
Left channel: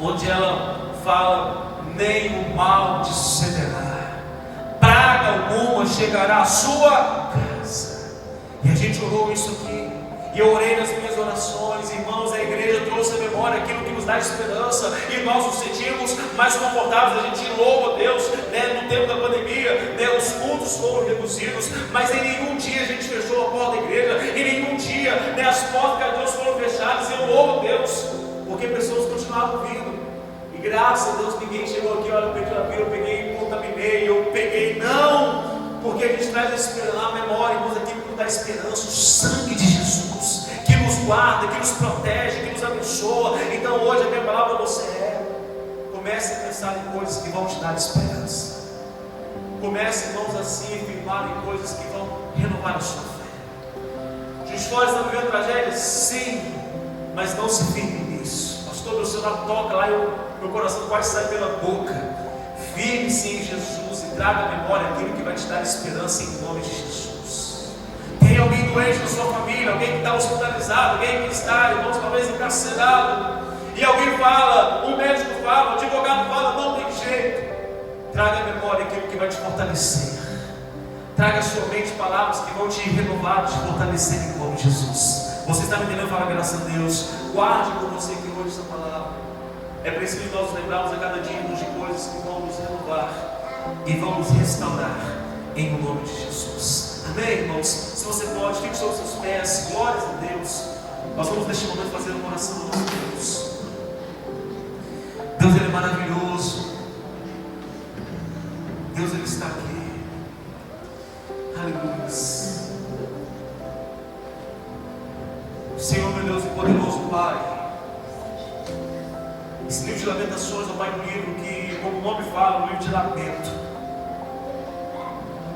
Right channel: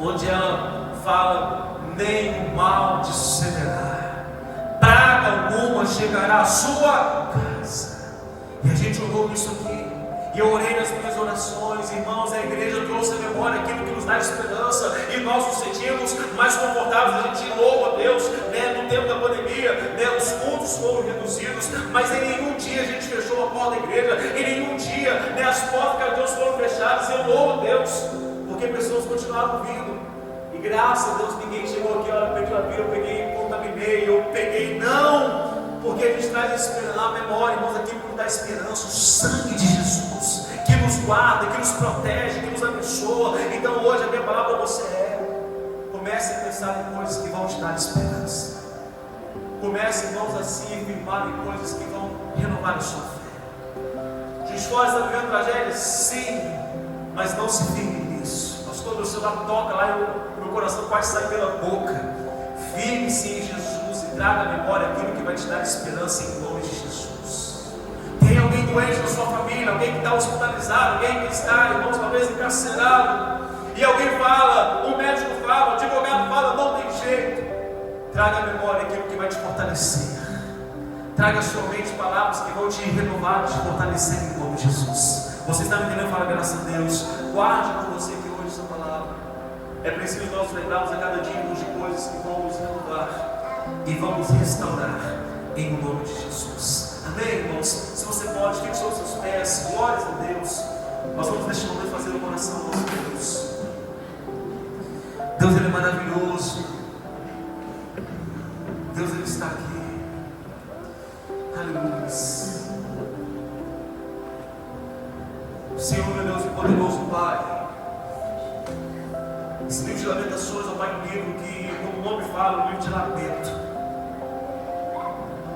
onde ela fala: nenhum mal te sucederá, praga alguma chegará à sua casa. E a gente orou isso aqui, e eu orei nas minhas orações, irmãos. A igreja trouxe a memória aquilo que nos dá esperança, e nós nos sentimos mais confortáveis. A gente louva a Deus, né? No tempo da pandemia, né? Os cultos foram reduzidos, mas em nenhum dia a gente fechou a porta da igreja, em nenhum dia, né, as portas de Deus foram fechadas. Eu louvo a Deus, porque pessoas continuavam vindo. E graças a Deus ninguém chegou aqui: olha, eu peguei, contaminei, eu peguei. Não! Porque a gente traz a memória, irmãos, aquilo que nos dá esperança, o sangue de Jesus, que nos guarda, que nos protege, que nos abençoa. Então hoje a minha palavra para você é: comece a pensar em coisas que vão te dar esperança. Comece, irmãos, a se firmar em coisas que vão renovar a sua fé. Juiz de Fora está vivendo tragédias? Sim, mas não se firme nisso. Pastor, o Senhor toca lá e meu coração quase sai pela boca. Firme-se em Jesus e traga à memória aquilo que vai te dar esperança em nome de Jesus. Tem alguém doente na sua família, alguém que está hospitalizado, alguém que está, irmãos, talvez encarcerado, e alguém fala, um médico fala, um advogado fala: não tem jeito. Traga à memória aquilo que vai te fortalecer. Traga à sua mente palavras que vão te renovar, te fortalecer em nome de Jesus. Você está me entendendo? Fala, graças a Deus. Guarde com você que hoje essa palavra. É preciso nós lembrarmos a cada dia de coisas que vão nos renovar e vão nos restaurar em nome de Jesus. Amém, irmãos? Se você pode, fique sobre os seus pés. Glórias a Deus. Nós vamos neste momento fazer uma oração ao nosso Deus. Deus, Ele é maravilhoso. Deus, Ele está aqui. Aleluia. Senhor, meu Deus e poderoso Pai, esse livro de Lamentações, ó Pai, um livro que, como o nome fala, um livro de lamento,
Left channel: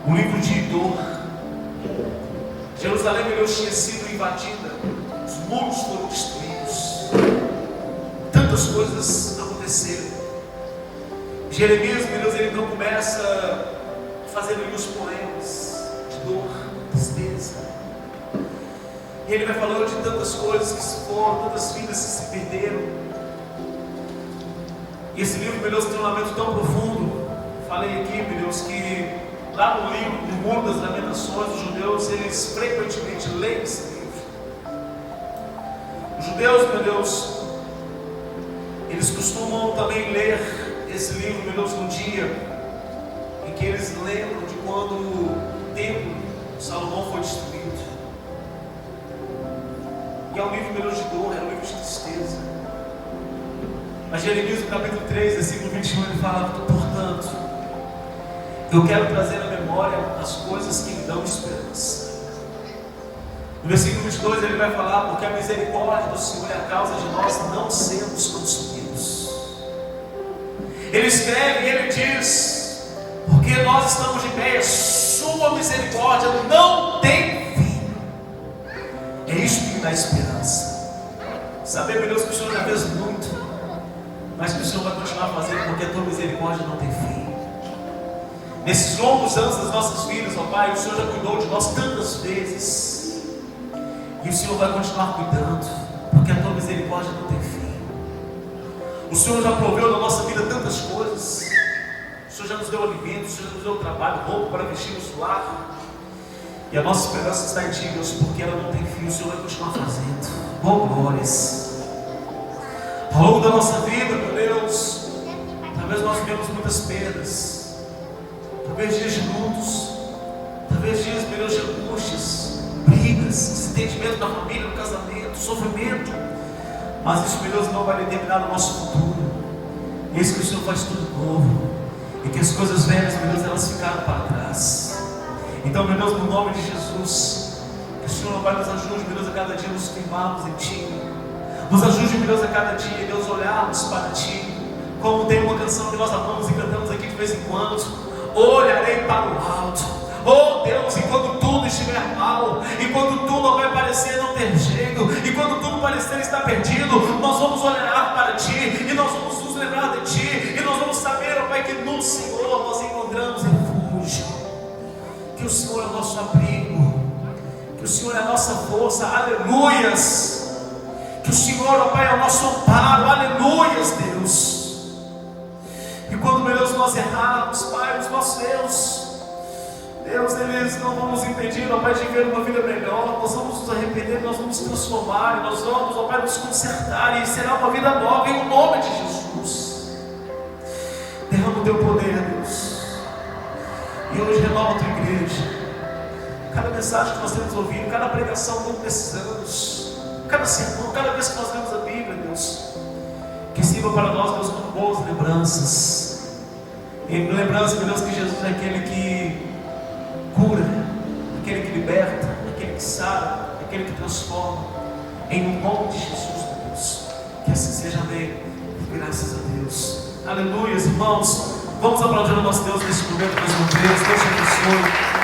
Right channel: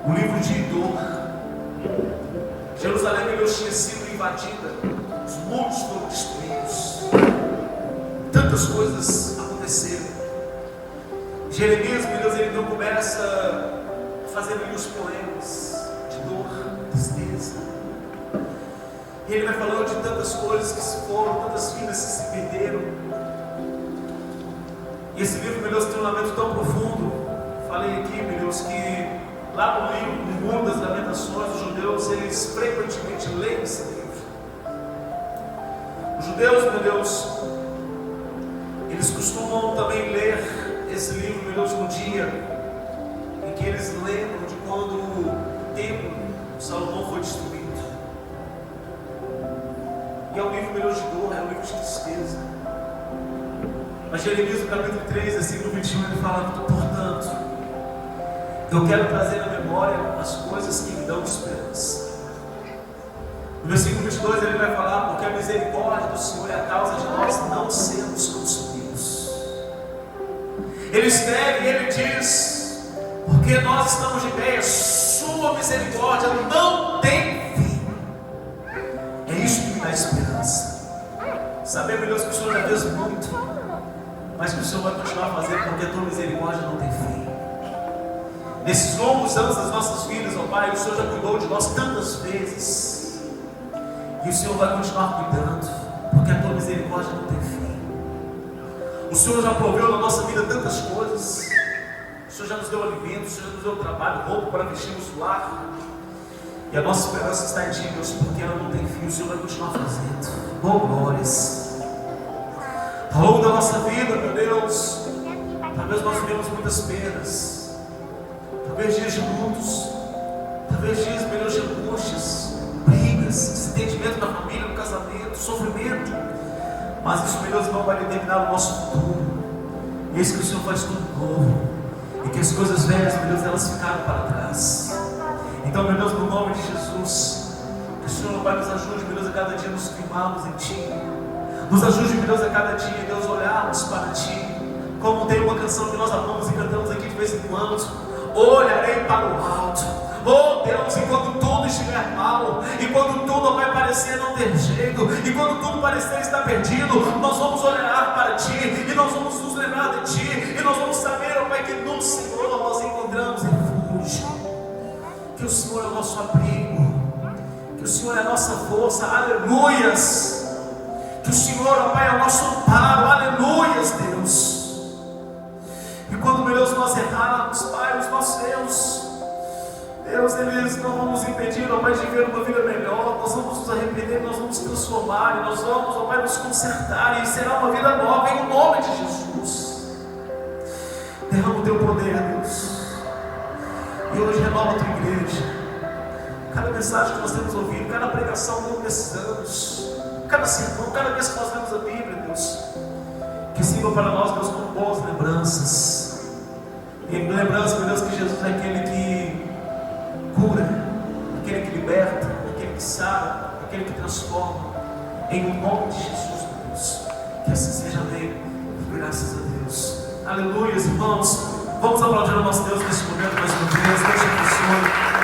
um livro de dor. Jerusalém, meu Deus, tinha sido invadida, os muros foram destruídos, tantas coisas aconteceram. Jeremias, meu Deus, ele não começa fazendo ali os poemas de dor, tristeza. E ele vai falando de tantas coisas que se foram, tantas vidas que se perderam. E esse livro, meu Deus, tem um lamento tão profundo. Falei aqui, meu Deus, que lá no livro, no Muro das Lamentações, os judeus, eles frequentemente leem esse livro. Os judeus, meu Deus, eles costumam também ler esse livro, meu Deus, no dia em que eles lembram de quando o templo de Salomão foi destruído. E é um livro, meu Deus, de dor, é um livro de tristeza. Mas Jeremias, no capítulo 3, versículo 21, ele fala: portanto, eu quero trazer à memória as coisas que me dão esperança. No versículo 22 ele vai falar: porque a misericórdia do Senhor é a causa de nós não sermos consumidos. Ele escreve e ele diz: porque nós estamos de pé, sua misericórdia não tem fim. É isso que me dá esperança. Saber, meu Deus, que o Senhor já fez muito, mas que o Senhor vai continuar fazendo, porque a tua misericórdia não tem fim. Nesses longos anos das nossas vidas, ó Pai, o Senhor já cuidou de nós tantas vezes, e o Senhor vai continuar cuidando, porque a tua misericórdia não tem fim. O Senhor já proveu na nossa vida tantas coisas. O Senhor já nos deu alimento, o Senhor já nos deu trabalho, roupa para vestirmos o lar. E a nossa esperança está em Ti, Deus, porque ela não tem fim. O Senhor vai continuar fazendo. Oh, glórias. Ao longo da nossa vida, meu Deus, talvez nós vivemos muitas perdas, talvez dias de lutos, talvez dias, meu Deus, de angústias, brigas, desentendimento da família, no casamento, sofrimento. Mas isso, meu Deus, não vai determinar o nosso futuro. Eis que o Senhor faz tudo novo, e que as coisas velhas, meu Deus, elas ficaram para trás. Então, meu Deus, no nome de Jesus, que o Senhor vai nos ajude, meu Deus, a cada dia nos firmarmos em Ti. Nos ajude, meu Deus, a cada dia, Deus, olharmos para Ti. Como tem uma canção que nós amamos e cantamos aqui de vez em quando: olharei para o alto. Oh Deus, enquanto tudo estiver mal, enquanto tudo vai parecer não ter jeito, enquanto tudo parecer estar perdido, nós vamos olhar para Ti, e nós vamos nos lembrar de Ti, e nós vamos saber, ó Pai, que no Senhor nós encontramos refúgio, que o Senhor é o nosso abrigo, que o Senhor é a nossa força. Aleluias. Que o Senhor, ó Pai, é o nosso amparo. Aleluias, Deus. E quando, meu Deus, nós errarmos, Pai, os nossos Deus, eles não vão nos impedir, ó Pai, de viver uma vida melhor. Nós vamos nos arrepender, nós vamos nos transformar, e nós vamos, ó Pai, nos consertar, e será uma vida nova, em nome de Jesus. Derrama o Teu poder, Deus, e hoje renova a Tua igreja. Cada mensagem que nós temos ouvido, cada pregação ao longo desses anos, cada sermão, cada vez que nós lemos a Bíblia, Deus, que sirva para nós, Deus, com boas lembranças. E lembrança, meu Deus, que Jesus é aquele que cura, aquele que liberta, aquele que sara, aquele que transforma. Em nome de Jesus, meu Deus, que assim seja. Amém. Graças a Deus. Aleluia, irmãos. Vamos aplaudir o nosso Deus nesse momento mais uma vez. Deus te abençoe.